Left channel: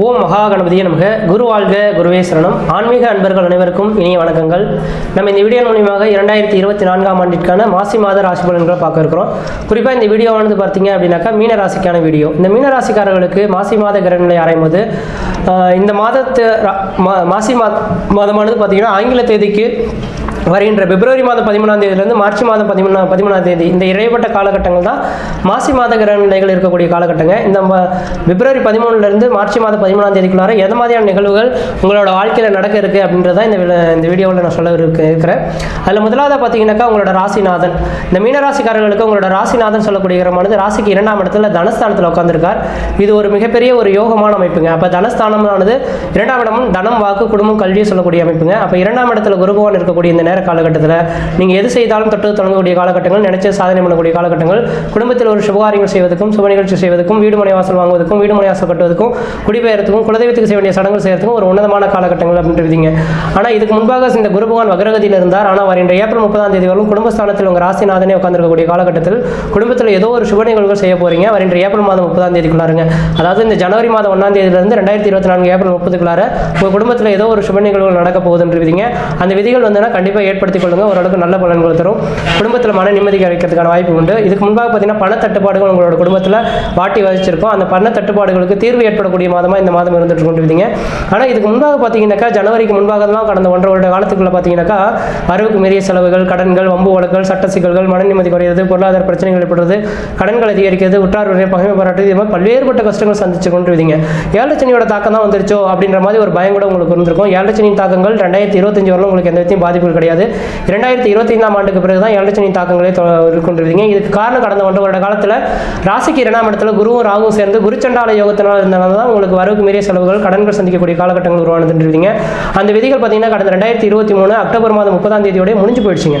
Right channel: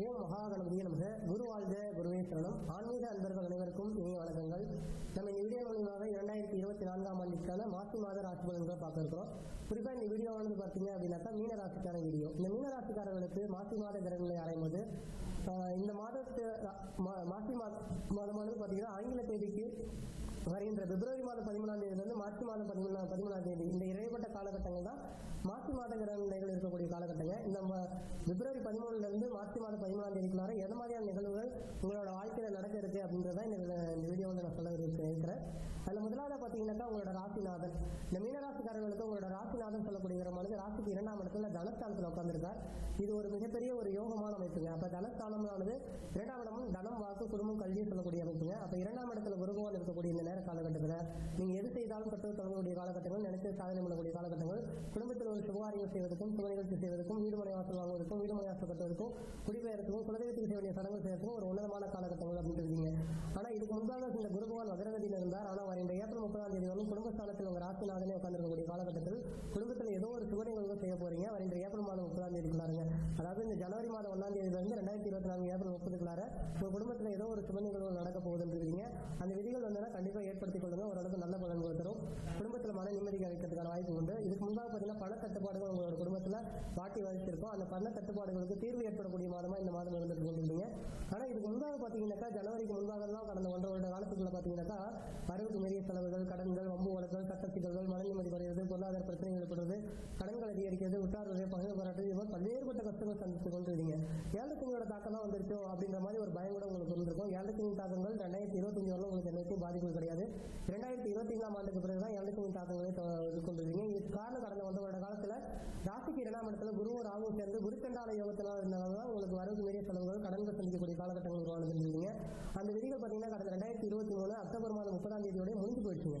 ஓம் மகா கணபதியை நமக. குரு வாழ்க குருவே சரணம். ஆன்மீக அன்பர்கள் அனைவருக்கும் இனிய வணக்கங்கள். நம்ம இந்த வீடியோ மூலியமாக இரண்டாயிரத்தி இருபத்தி நான்காம் ஆண்டிற்கான மாசி மாத ராசி பலன்களை பார்க்க இருக்கிறோம். குறிப்பாக இந்த வீடியோவானது பார்த்தீங்க அப்படின்னாக்கா மீன ராசிக்கான வீடியோ. இந்த மீன ராசிக்காரர்களுக்கு மாசி மாத கிரகங்களை ஆராயும்போது போது இந்த மாதத்து மா- மாசி மாதமானது பார்த்தீங்கன்னா ஆங்கில தேதிக்கு வருகின்ற பிப்ரவரி மாதம் பதிமூணாம் தேதியிலிருந்து மார்ச் மாதம் பதிமூணா பதிமூணாம் தேதி இந்த இடைப்பட்ட காலகட்டங்கள் தான் மாசி மாத கிரக நிலைகள் இருக்கக்கூடிய காலகட்டங்கள் இந்த ம- பிப்ரவரி பதிமூணுலேருந்து மார்ச் மாதம் பதிமூணாம் தேதிக்குள்ளார எந்த மாதிரியான நிகழ்வுகள் உங்களோட வாழ்க்கையில் நடக்க இருக்குது அப்படின்றத இந்த வி- இந்த வீடியோவில் நான் சொல்ல இருக்கு இருக்கிறேன். அதில் முதலாவது பார்த்தீங்கன்னாக்கா உங்களோட ராசிநாதன். இந்த மீன ராசிக்காரர்களுக்கு உங்களோட ராசிநாதன் சொல்லக்கூடிய கிரகமானது ராசிக்கு இரண்டாம் இடத்துல தனஸ்தானத்தில் உட்காந்துருக்கார் இது ஒரு மிகப்பெரிய ஒரு யோகமான அமைப்புங்க. அப்போ தனஸ்தானமானது இரண்டாம் இடமும் தனம் வாக்கு குடும்பம் கல்வியை சொல்லக்கூடிய அமைப்புங்க. அப்போ இரண்டாம் இடத்துல குருபவன் இருக்கக்கூடிய இந்த நேரம் நேர காலகட்டத்தில் நீங்கள் எது செய்தாலும் தொட்டு தொடங்கக்கூடிய காலகட்டங்கள் நினைச்ச சாதனை பண்ணக்கூடிய காலகட்டங்கள் குடும்பத்தில் ஒரு சுபகாரியங்கள் செய்வதற்கும் சுப நிகழ்ச்சி செய்வதற்கும் வீடு மனை வாசல் வாங்குவதற்கும் வீடு மனை வாசல் கட்டுவதற்கும் குடிபெயர்த்துக்கும் குலதெய்வத்துக்கு செய்ய வேண்டிய சடங்குகள் செய்யறதுக்கும் ஒரு உன்னதமான காலகட்டங்கள் அப்படின்றீங்க ஆனால் இதுக்கு முன்பாக இந்த குரு பகவான் வக்ரகதியில் இருந்தார். ஆனால் வருகின்ற ஏப்ரல் முப்பதாம் தேதி வரும் குடும்பஸ்தானத்தில் உங்கள் ராசிநாதனே உட்காந்துருக்கக்கூடிய காலகட்டத்தில் குடும்பத்தில் ஏதோ ஒரு சுப நிகழ்வுகள் செய்ய போறீங்க. வருகின்ற ஏப்ரல் மாதம் முப்பதாம் தேதிக்குள்ளாருங்க. அதாவது இந்த ஜனவரி மாதம் ஒன்றாம் தேதியிலிருந்து ரெண்டாயிரத்தி இருபத்தி நான்கு ஏப்ரல் முப்பதுக்குள்ளார உங்கள் குடும்பத்தில் ஏதோ ஒரு சுப நிகழ்வுகள் நடக்க போகுதுன்றீங்க அந்த விதிகள் வந்துன்னா கண்டிப்பாக ஏற்படுத்திக் கொள்ளுங்க ஓரளவுக்கு நல்ல பலன்கள் தரும். குடும்பத்தில் மன நிம்மதி கிடைக்கிறதுக்கான வாய்ப்பு உண்டு. இதுக்கு முன்பாக பார்த்தீங்கன்னா பண தட்டுப்பாடுகள் உங்களோட குடும்பத்தில் வாட்டி வச்சிருக்கோம் அந்த பண தட்டுப்பாடுகளுக்கு தீர்வு ஏற்படக்கூடிய மாதமாக இந்த மாதம் இருந்துட்டு கொண்டிருந்தீங்க. ஆனால் இதுக்கு முன்பாக பார்த்தீங்கன்னாக்கா ஜனவரிக்கு முன்பாக தான் கடந்த ஒன்றரை வருட காலத்துக்குள்ள பார்த்தீங்கன்னாக்கா வரவுக்கு மீறிய செலவுகள் கடன்கள் வம்பு வழக்குகள் சட்ட சிக்கல்கள் மன நிம்மதி குறையிறது பொருளாதார பிரச்சனைகள் ஏற்படுறது கடன்கள் அதிகரிக்கிறது உற்றார் உறவினர் பகைமை பாராட்டு இது மாதிரி பல்வேறுபட்ட கஷ்டங்கள் சந்திச்சு கொண்டிருந்தீங்க. ஏழச்சனியோட தாக்கம் தான் வந்துருச்சோ அப்படின்ற மாதிரி ஒரு பயம் கூட உங்களுக்கு இருந்திருக்கும். ஏழச்சனியின் தாக்கங்கள் ரெண்டாயிரத்தி இருபத்தஞ்சு வரலாம் உங்களுக்கு எந்த விதத்தையும் பாதிப்புகள் கிடையாது. இரண்டாயிரத்தி இருபத்தி ஐந்தாம் ஆண்டுக்கு பிறகு தான் ஏழரை தாக்கங்களை தாக்கங்களே இதுக்கு காரணம் கடந்த ஒன்று வருட காலத்தில் ராசிக்கு இரண்டாம் இடத்துல குருவும் ராகுவும் சேர்ந்து குருச்சண்டால யோகத்தினால் இருந்தனால தான் உங்களுக்கு வரவுக்கு மீறிய செலவுகள் கடன்கள் சந்திக்கக்கூடிய காலகட்டங்கள் உருவானதுன்றீங்க அந்த விதிகள் பார்த்தீங்கன்னா கடந்த ரெண்டாயிரத்தி இருபத்தி மூணு அக்டோபர் மாதம் முப்பதாம் தேதியோடய முடிஞ்சு போயிடுச்சுங்க.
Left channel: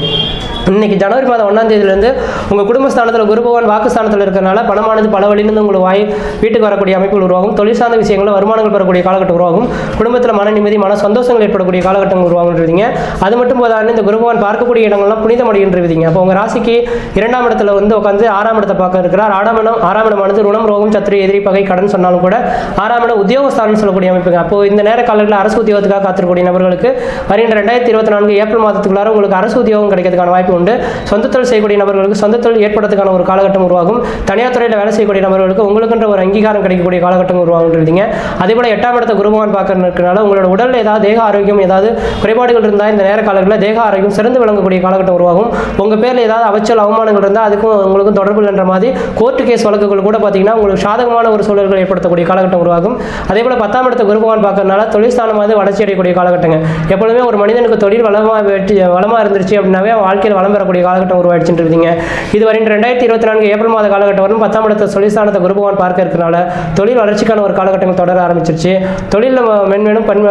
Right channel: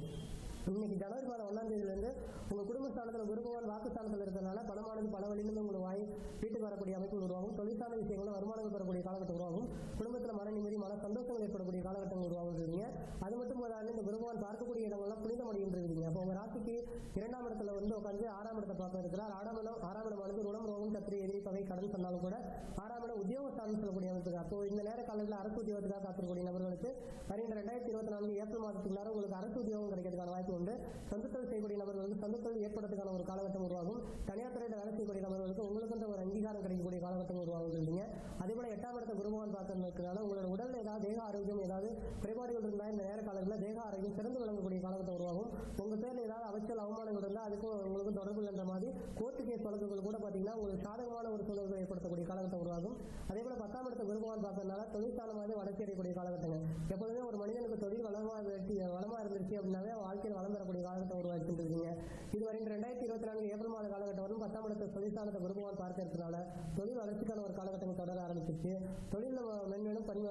இன்னைக்கு ஜனவரி மாதம் ஒன்றாம் தேதியிலேருந்து உங்கள் குடும்பஸ்தானத்தில் குரு பகவான் வாக்குஸ்தானத்தில் இருக்கிறனால பணமானது பல வழியிலிருந்து உங்களுக்கு வாய் வீட்டுக்கு வரக்கூடிய அமைப்புகள் உருவாகும். தொழில் சார்ந்த விஷயங்களில் வருமானங்கள் பெறக்கூடிய காலகட்டம் உருவாகும். குடும்பத்தில் மன நிம்மதி மன சந்தோஷங்கள் ஏற்படக்கூடிய காலகட்டங்கள் உருவாகுன்றீங்க அது மட்டும் போதாது இந்த குரு பகவான் பார்க்கக்கூடிய இடங்கள்லாம் புனிதமடைகின்றீங்க அப்போ உங்கள் ராசிக்கு இரண்டாம் இடத்துல வந்து உட்காந்து ஆறாம் இடத்தை பார்க்க இருக்கிறார். ஆறாம் இடம் ஆறாம் இடமானது ருணம் ரோகம் சத்திரி எதிரி பகை கடன் சொன்னாலும் கூட ஆறாம் இடம் உத்தியோகஸ்தானம் சொல்லக்கூடிய அமைப்புங்க. அப்போ இந்த நேர காலத்தில் அரசு உத்தியோகத்துக்காக காத்திருக்கக்கூடிய நபர்களுக்கு வருகின்ற ரெண்டாயிரத்தி இருபத்தி நான்கு ஏப்ரல் மாதத்துக்குள்ளார உங்களுக்கு அரசு உத்தியோகம் கிடைக்கிறதுக்கான வாய்ப்பு உண்டு. சொந்த தொழில் செய்யக்கூடிய நபர்களுக்கு சொந்த தொழில் ஏற்படுறதுக்கான ஒரு காலகட்டம் உருவாகும். தனியார் துறையில் வேலை செய்யக்கூடிய நபர்களுக்கு உங்களுக்குன்ற ஒரு அங்கீகாரம் கிடைக்கக்கூடிய காலகட்டம் உருவாகுன்றீங்க அதே போல எட்டாம் இடத்த குருபகவான் பார்க்கறதுனால உங்களோட உடலில் ஏதாவது தேக ஆரோக்கியம் ஏதாவது குறைபாடுகள் இருந்தால் இந்த நேர காலங்களில் தேக ஆரோக்கியம் சிறந்து விளங்கக்கூடிய காலகட்டம் உருவாகும். உங்க பேரில் ஏதாவது அவச்சல் அவமானங்கள் இருந்தால் அதுக்கும் உங்களுக்கும் தொடர்பு இல்லைன்ற மாதிரி கோர்ட்டு கேஸ் வழக்குகள் கூட பார்த்தீங்கன்னா உங்களுக்கு சாதகமான ஒரு சூழல்கள் ஏற்படுத்தக்கூடிய காலகட்டம் உருவாகும். அதே போல பத்தாம் இடத்த குருபகவான் பார்க்கறதுனால தொழில் ஸ்தானமாவது வளர்ச்சி அடையக்கூடிய காலகட்டங்க. எப்பொழுதுமே ஒரு மனிதனுக்கு தொழில் வளமாக வெற்றி வளமாக இருந்துருச்சு அப்படின்னாவே வாழ்க்கையில் வளம் பெறக்கூடிய காலகட்டம் உருவாயிடுச்சுன்றீங்க இது வரைக்கும் ரெண்டாயிரத்தி இருபத்தி நான்கு ஏப்ரல் மாத காலகட்டம் வரும் பத்தாம் இடத்த தொழிற்சாலத்தை குருபகவான் பார்க்க இருக்கனால தொழில் வளர்ச்சிக்கான ஒரு காலகட்டங்கள் தொடர ஆரம்பிச்சிருச்சு. தொழிலில் மென்மேலும் பண்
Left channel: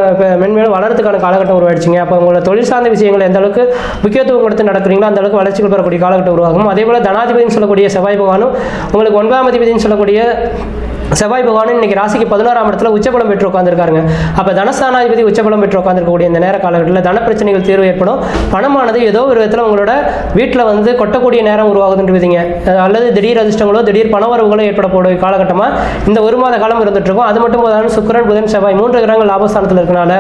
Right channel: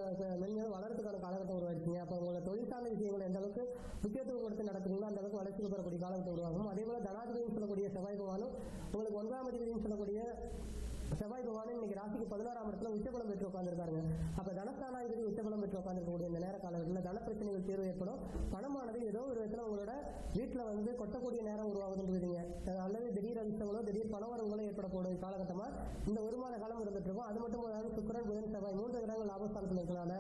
மென்மேலும் வளர்றதுக்கான காலகட்டம் உருவாயிடுச்சுங்க. அப்போ உங்களோட தொழில் சார்ந்த விஷயங்கள் எந்த அளவுக்கு முக்கியத்துவம் கொடுத்து நடக்கிறீங்களோ அந்த அளவுக்கு வளர்ச்சிகள் பெறக்கூடிய காலகட்டம் உருவாகும். அதே போல் தனாதிபதினு சொல்லக்கூடிய செவ்வாய் பகவானும் உங்களுக்கு ஒன்பதாம் அதிபதினு சொல்லக்கூடிய செவ்வாய் பகவான் இன்னைக்கு ராசிக்கு பதினோராம் இடத்துல உச்சபலம் பெற்று உட்காந்துருக்காருங்க அப்போ தனஸ்தானாதிபதி உச்சபலம் பெற்று உட்காந்துருக்கக்கூடிய இந்த நேர காலகட்டத்தில் தன பிரச்சனைகள் தீர்வு ஏற்படும். பணமானது ஏதோ ஒரு விதத்தில் உங்களோட வீட்டில் வந்து கொட்டக்கூடிய நேரம் உருவாகுதுன்றீங்க அல்லது திடீர் அதிர்ஷ்டங்களோ திடீர் பணவரவுகளோ ஏற்படக்கூடிய காலகட்டமாக இந்த ஒரு மாத காலம் இருந்துட்டுருக்கோம் அது மட்டும் போதாலும் சுக்கிரன் புதன் செவ்வாய் மூன்று கிரகங்கள் லாபஸ்தானத்தில் இருக்கனால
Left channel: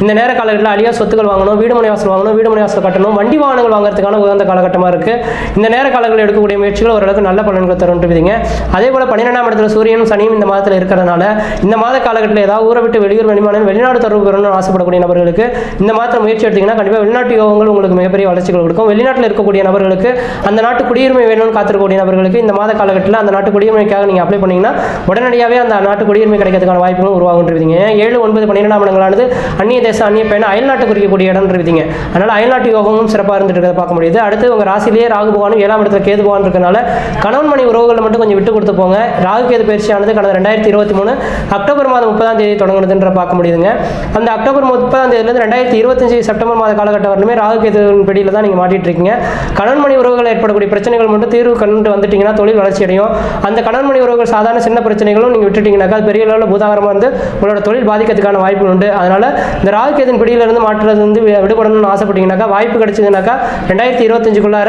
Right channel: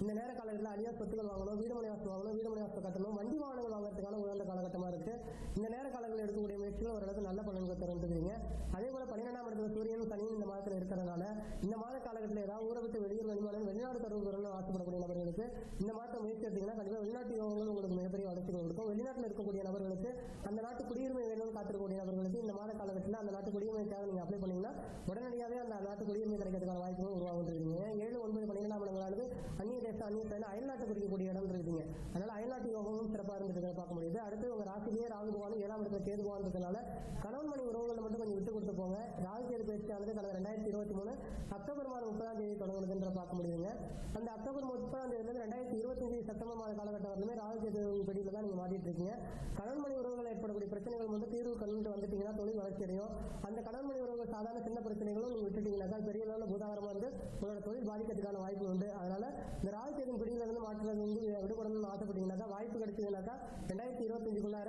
இந்த நேர காலகட்டத்தில் அழியா சொத்துக்கள் வாங்கணும் வீடு மனை வாசல் வாங்கணும் வீடு மனை வாசல் கட்டணும் வண்டி வாகனங்கள் வாங்குறதுக்கான உகந்த காலகட்டமாக இருக்குது இந்த நேர காலங்களில் எடுக்கக்கூடிய முயற்சிகள் ஓரளவுக்கு நல்ல பலன்கள் தரும்ன்றீங்க அதே போல் பன்னிரெண்டாம் இடத்துல சூரியனும் சனியும் இந்த மாதத்தில் இருக்கிறதுனால இந்த மாத காலகட்டத்தில் ஏதாவது ஊரை விட்டு வெளியூர் வெளிமாநிலம் வெளிநாடு தொடர்பு பெறணும்னு ஆசைப்படக்கூடிய நபர்களுக்கு இந்த மாதத்தில் முயற்சி எடுத்தீங்கன்னா கண்டிப்பாக வெளிநாட்டு யோகங்கள் உங்களுக்கு மிகப்பெரிய வளர்ச்சிகள் கொடுக்கும். வெளிநாட்டில் இருக்கக்கூடிய நபர்களுக்கு அந்த நாட்டு குடியுரிமை வேணும்னு காத்திருக்கக்கூடிய நபர்களுக்கு இந்த மாத காலகட்டத்தில் அந்த நாட்டு குடியுரிமைக்காக நீங்கள் அப்ளை பண்ணீங்கன்னா உடனடியாகவே அந்த நாட்டு குடியுரிமை கிடைக்கிறதுக்கான வாய்ப்புகளும் உருவாகுன்றீங்க ஏழு ஒன்பது பன்னிரெண்டாம் இடங்களானது அந்நிய தேசம் அந்நிய பயணம் அயல்நாட்டு குறிக்கக்கூடிய இடம் இருக்குதுங்க அதனால் அயல்நாட்டு யோகமும் சிறப்பாக இருந்துட்டு இருக்கிறத பார்க்க முடியுது. அடுத்து உங்கள் ராசிலேயே ராகு பகவானும் ஏழாம் இடத்துல கேது பகவான் இருக்கனால கணவன் மணி உறவுகளை மட்டும் கொஞ்சம் விட்டு கொடுத்து போங்க. ராகு கேது பயிற்சியானது கடந்த ரெண்டாயிரத்தி இருபத்தி மூணு அக்டோபர் மாதம் முப்பதாம் தேதி தொடங்குனதுன்ற பார்க்க முடியுதுங்க. அந்த அக்டோபர் முப்பதாம் தேதியிலிருந்து ரெண்டாயிரத்தி இருபத்தஞ்சு செப்டம்பர் மாத காலகட்டம் வரலுமே ராகு கேதுவின் பிடியில் தான் நீங்கள் மாட்டிட்டு இருக்கீங்க கணவன் மணி உறவுகள் ஏற்படக்கூடிய பிரச்சனைகள் மட்டும் தீர்வு கண்டு வந்துட்டீங்கன்னா தொழில் வளர்ச்சி அடையும். அந்த கணவன் மணி உறவுகள் சாதாரண சின்ன பிரச்சனைகளும் நீங்கள் விட்டுட்டீங்கன்னாக்கா பெரிய அளவில் பூதாகரமாக இருந்து உங்களோட தொழில் பாதிக்கிறதுக்கான வாய்ப்பு உண்டு. அதனால இந்த ராகு கேதின் பிடியிலிருந்து மாற்றுறது வந்து விடுபடணும்னு ஆசைப்பட்டீங்கன்னாக்கா வாய்ப்பு கிடைச்சதுனாக்கா ரெண்டாயிரத்தி இருபத்தஞ்சுக்குள்ளார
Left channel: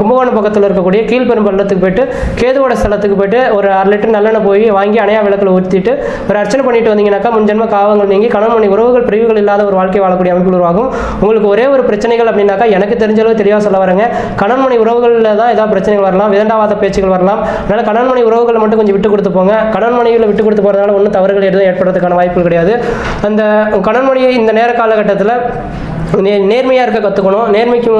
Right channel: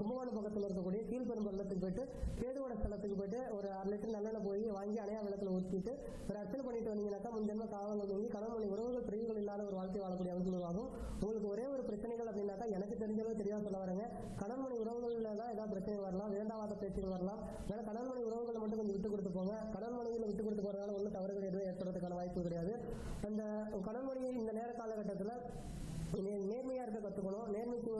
கும்பகோணம் பக்கத்தில் இருக்கக்கூடிய கீழ்பெரும்பள்ளத்துக்கு போயிட்டு கேதுவோட ஸ்தலத்துக்கு போயிட்டு ஒரு அரை லிட்டர் நல்லெண்ணெய் போய் வாங்கி அணையா விளக்கில் ஊற்றிட்டு ஒரு அர்ச்சனை பண்ணிட்டு வந்தீங்கன்னாக்கா முன்ஜென்ம காவங்கள் நீங்கி கணவன் மணி உறவுகள் பிரிவுகள் இல்லாத ஒரு வாழ்க்கை வாழக்கூடிய அமைப்பு உருவாகும். உங்களுக்கு ஒரே ஒரு பிரச்சனைகள் அப்படின்னாக்கா எனக்கு தெரிஞ்ச அளவு தெளிவாக சொல்ல வரேங்க. கணவன் மணி உறவுகளில் தான் ஏதாவது பிரச்சனைகள் வரலாம் விதண்டாவாத பேச்சுகள் வரலாம். அதனால் கணவன் மணி உறவுகளை மட்டும் கொஞ்சம் விட்டு கொடுத்து போங்க. கணவன் மணிகளை விட்டு கொடுத்து போகிறதுனால ஒன்றும் தவறுகள் எதுவும் ஏற்படுறதுக்கான வாய்ப்புகள் கிடையாது. அந்த கணவன் மணியை இந்த நேர காலகட்டத்தில் நே நேர்மையாக இருக்க கற்றுக்கணும் நேர்மைக்கு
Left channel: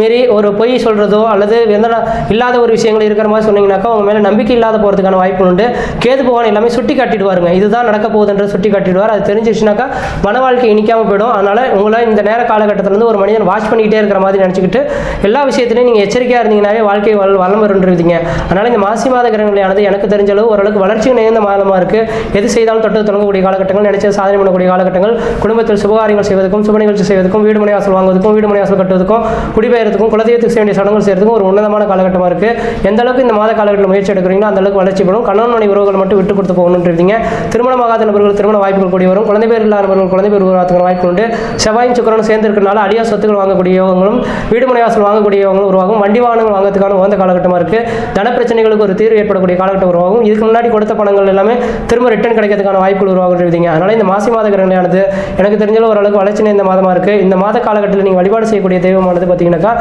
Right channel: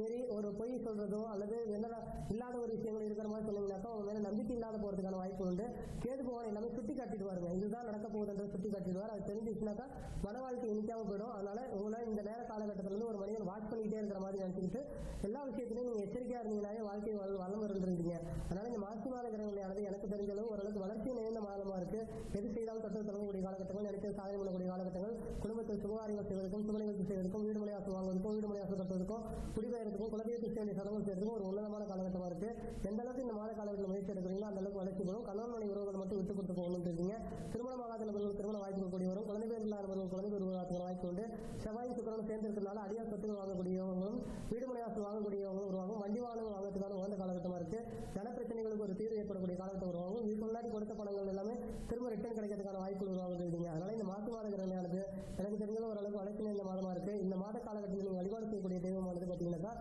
மீறி ஒரு பொய் சொல்கிறதோ அல்லது எந்த இல்லாத ஒரு விஷயங்கள் இருக்கிற மாதிரி சொன்னீங்கன்னாக்கா உங்கள் மேலே நம்பிக்கை இல்லாத போகிறதுக்கான வாய்ப்பு உண்டு. கேது பகவான் எல்லாமே சுட்டி காட்டிடுவாருங்க. இதுதான் நடக்க போகுதுன்ற சுட்டி காட்டிடுவார். அது தெரிஞ்சிச்சுனாக்கா மன வாழ்க்கை இனிக்காமல் போயிடும். அதனால் உங்களை இந்த நேர காலகட்டத்திலேருந்து ஒரு மனிதன் வாட்ச் பண்ணிக்கிட்டே இருக்கிற மாதிரி நினச்சிக்கிட்டு எல்லா விஷயத்துலையும் நீங்கள் எச்சரிக்கையாக இருந்தீங்கன்னாவே வாழ்க்கை வள வளம் வருன்றீங்க அதனால் இந்த மாசி மாத கிரகங்களானது எனக்கு தெரிஞ்ச அளவு ஓரளவுக்கு வளர்ச்சி நிறைந்த மாதமாக இருக்குது எது செய்தாலும் தொட்டு தொடங்கக்கூடிய காலகட்டங்கள் நினைச்ச சாதனை பண்ணக்கூடிய காலகட்டங்கள் குடும்பத்தில் சுபகாரியங்கள் செய்வதற்கும் சுப நிகழ்ச்சி செய்வதற்கும் வீடு மனை வாசல் வாங்குவதற்கும் வீடு மனை வாசல் கட்டுவதற்கும் குடிபெயர்த்துக்கும் குலதெய்வத்துக்கு செய்ய வேண்டிய சடங்குகள் செய்யறதுக்கும் ஒரு உன்னதமான காலகட்டமாக இருக்குது எந்த அளவுக்கு இந்த மாத காலகட்டத்தில் முயற்சி எடுக்கிறீங்களோ அந்த அளவுக்கு வளர்ச்சி பெறும். கணவன் மனை உறவுகள் மட்டும் விட்டு கொடுத்து போகணுன்றீங்க திருமணமாகாத நபர்கள் திருமண வாய்ப்புகள் கூடி வரும். குழந்தை பேர் இல்லாத நபர்கள் குழந்தை பேர் உருவாக்குற வாய்ப்பு உண்டு. செவ்வாயும் சுக்கரனும் சேர்ந்து இருக்கிறனால அடியா சொத்துக்கள் வாங்கக்கூடியவங்களும் வீடு மனை வாசல் வாங்கக்கூடியவங்களும் உருவாகும். வண்டி வாகனங்கள் வாங்குறதுக்கான உகந்த காலகட்டமாக இருக்குது தன பிரச்சனைகளுக்கு ஒரு தீர்வு ஏற்படக்கூடிய காலகட்டம் உருவாகும். இதுக்கு முன்னாடி கொடுத்த பணங்கள் எல்லாமே திரும்ப ரிட்டர்ன் கிடைக்கிறதுக்கான வாய்ப்புகள் உருவாகுன்றீங்க அதனால் இந்த மாசி மாத கிரகணையானது எனக்கு தெரிஞ்ச ஓரளவுக்கு வளர்ச்சி இந்த மாதமாக இருக்குது இந்த மாத காலகட்டத்தில் நீங்கள் வழிபாடு செய்யக்கூடிய தெய்வமானது பார்த்தீங்கன்னாக்கா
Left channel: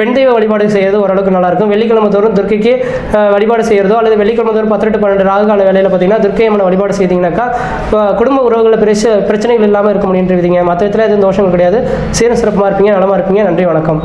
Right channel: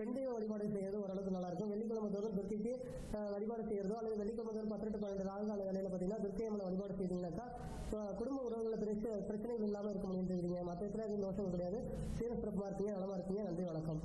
பெண் தெய்வ வழிபாடு செய்யறது ஓரளவுக்கு நல்லா இருக்கும் வெள்ளிக்கிழமை தோறும் துர்க்கைக்கு வழிபாடு செய்யறதோ அல்லது வெள்ளிக்கிழமை தோறும் பத்து பன்னெண்டு ராகு கால வேலையில் பார்த்தீங்கன்னா துர்க்கை அம்மனை வழிபாடு செய்தீங்கன்னாக்கா குடும்ப உறவுகளில் பிரச்ச பிரச்சனைகள் இல்லாமல் இருக்க முடியுன்றீங்க மற்ற விதத்தில் எதுவும் தோஷங்கள் கிடையாது. சீரம் சிறப்பாக இருப்பீங்க நலமாக இருப்பீங்க. நன்றி வணக்கம்.